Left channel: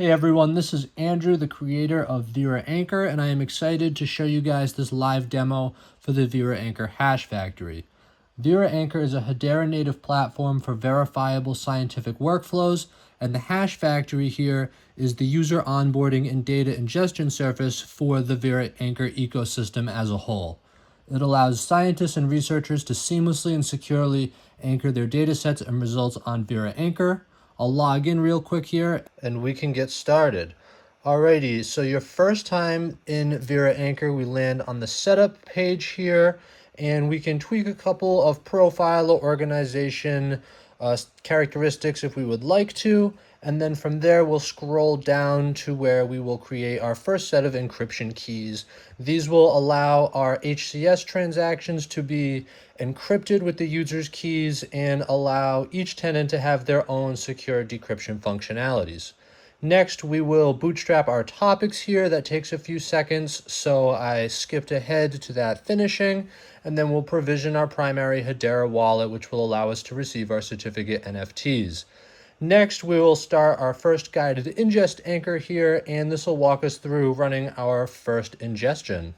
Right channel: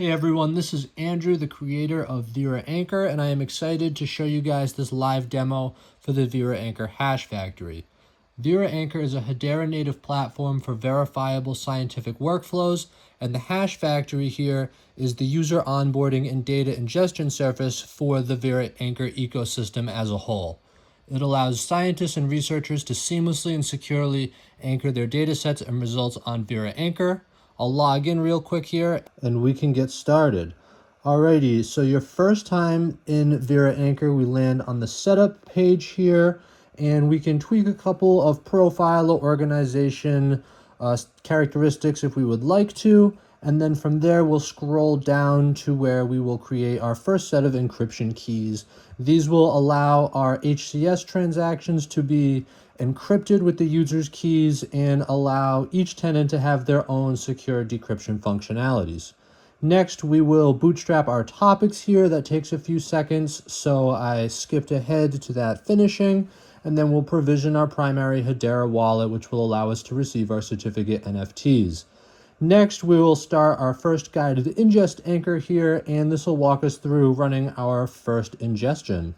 Hey everyone, this is Andrew, the creator of Vera Anchor, and I am excited to show you guys this live demo for the Vera Anchor Hash Factory. Vera Anchor is a Hedera native platform for verifiable scientific workflows, and the Hash Factory here is the user onboarding and data ingestion surface for the Vera Anchor ecosystem as a whole. It allows scientists and researchers to seamlessly and securely anchor their datasets and results on Vera Anchor. I'll log in real quick here and we can get started. Alrighty, so your first time in Vera Anchor, we land on the setup page here and we can tweak a couple of profile or organization characteristics if we would like to. And then from there, we'll scroll down to where we will create our first set of encryption keys. These will allow our HCS transactions to be encrypted with the user's keys and allow each tenant to have their own secure decryption functionalities. Next, we will bootstrap our topics here. That takes a few seconds, so I skipped ahead to that finishing. And then we'll provision our primary Hedera wallet, which will allow us to receive our certificate NFTs. Next, we will start our first guided ingest anchor here, and this will walk us through running our first ingestion.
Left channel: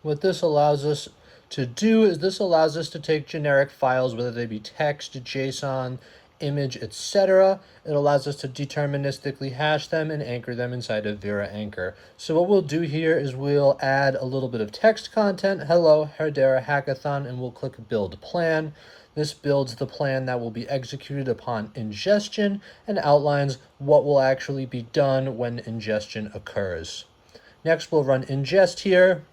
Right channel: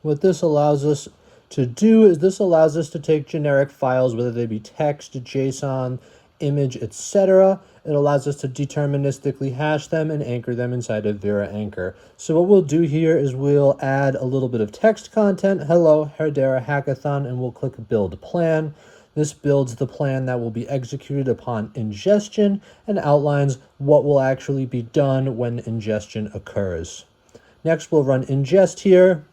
What this allows us to do is this allows us to take generic files, whether they be text, JSON, image, etc. It allows us to deterministically hash them and anchor them inside of Vera Anchor. So what we'll do here is we'll add a little bit of text content, hello, Hedera Hackathon, and we'll click build plan. This builds the plan that will be executed upon ingestion and outlines what will actually be done when ingestion occurs. Next, we'll run ingest here.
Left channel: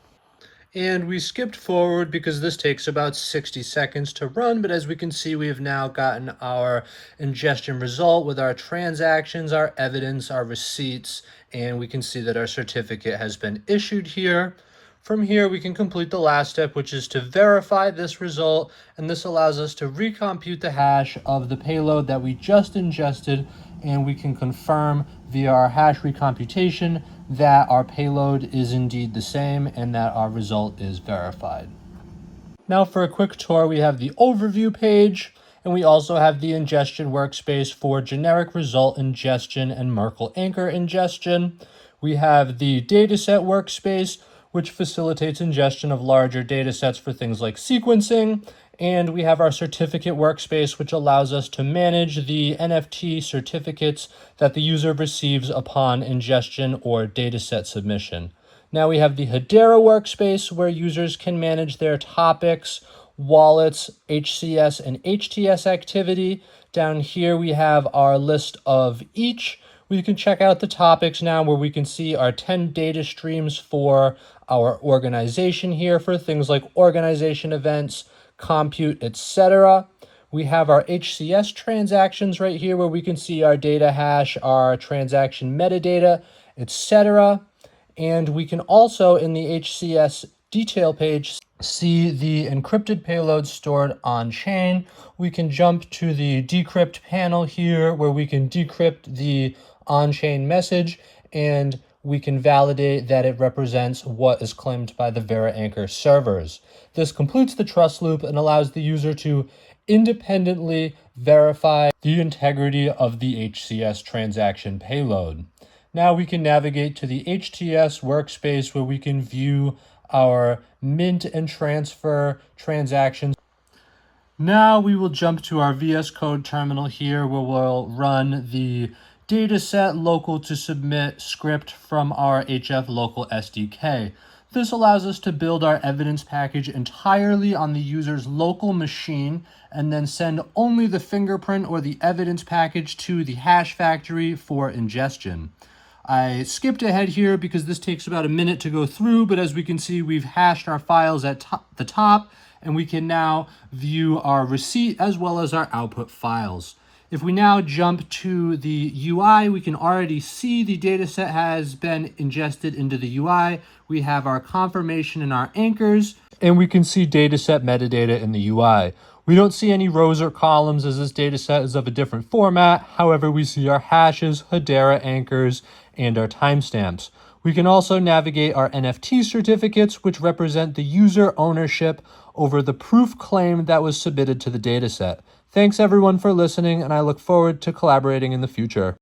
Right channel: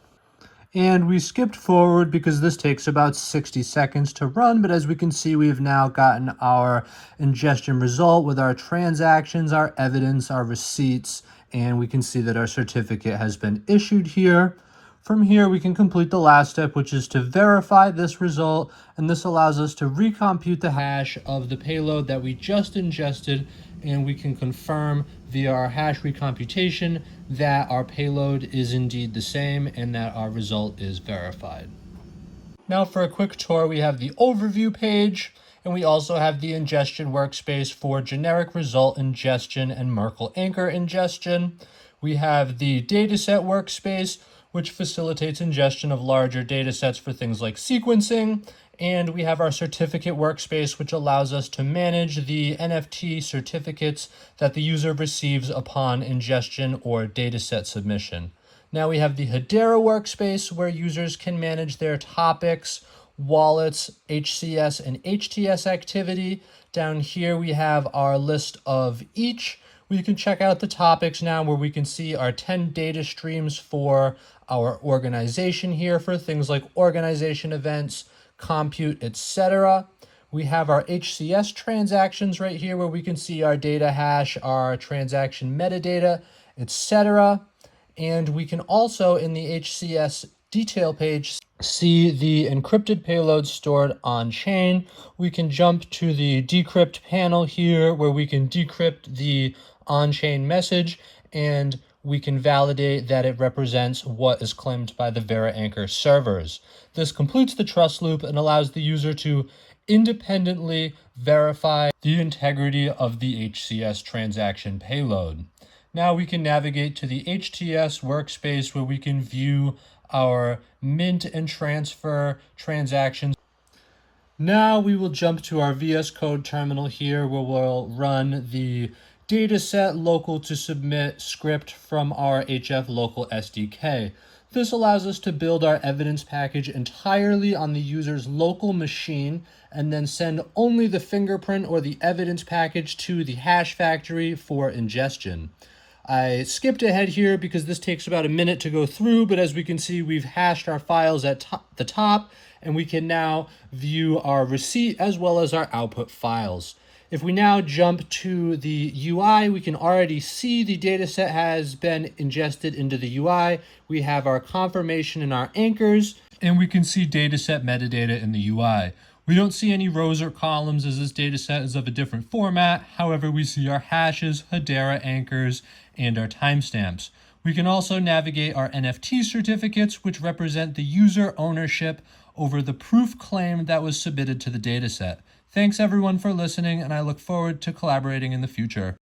And we skipped forward because this takes about 60 seconds to run, but as we can see, we've now gotten our ingestion result with our transactions, our evidence, our receipts, and we can see that our certificate has been issued here. From here, we can complete the last step, which is to verify this result, and this allows us to recompute the hash of the payload that we just ingested, and we can confirm via our hash recomputation that our payload is indeed the same and that our result is verified. Now for a quick tour, we have the overview page, and we also have the ingestion workspace for generic result ingestion and Merkle anchor ingestion. We have the dataset workspace, which facilitates ingestion of larger data sets for things like sequencing. And we have our certificate workspace, which allows us to manage the NFT certificates that the user receives upon ingestion or dataset submission. Now we have the Hedera workspace, where users can manage their topics, wallets, HCS, and HTS activity. Down here we have our list of each. We can check out the topics now, where we can see our 10 data streams for our organization here for things like organization events, compute, etc. We have our HCS transactions right here, where we can see our data hash, our transaction metadata, etc. And we can also, in the HCS detail page, see the encrypted payloads stored on chain. We can jump to the decrypt panel here, where we can decrypt the on-chain message, and we can validate that it represents what is claimed by the Vera Anchor servers. This completes the trust loop and allows the user to independently verify the integrity of the HCS transaction payload. Now we can navigate to the HTS workspace, where we can view our mint and transfer transactions. Now we will jump to our VS Code terminal here, where we'll run the dataset local to submit script from our HF local SDK. This allows us to build our evidence package entirely on the user's local machine and then send only the fingerprint or the evidence package to the Hash Factory for ingestion. I skipped ahead here because this takes about a minute to go through, but as we can see, we've hashed our files at the top, and we can now view our receipt as well as our output files. If we now jump to the UI, we can already see the dataset has been ingested into the UI. We have our confirmation and our anchors, and we can see dataset metadata in the UI. We don't see any rows or columns, as this dataset is of a different format. However, we see our hashes, Hedera anchors, and our timestamps. We can also navigate our NFT certificates, which represent the user ownership over the proof claim that was submitted to the dataset. Thanks everyone for listening, and I look forward to collaborating in the future.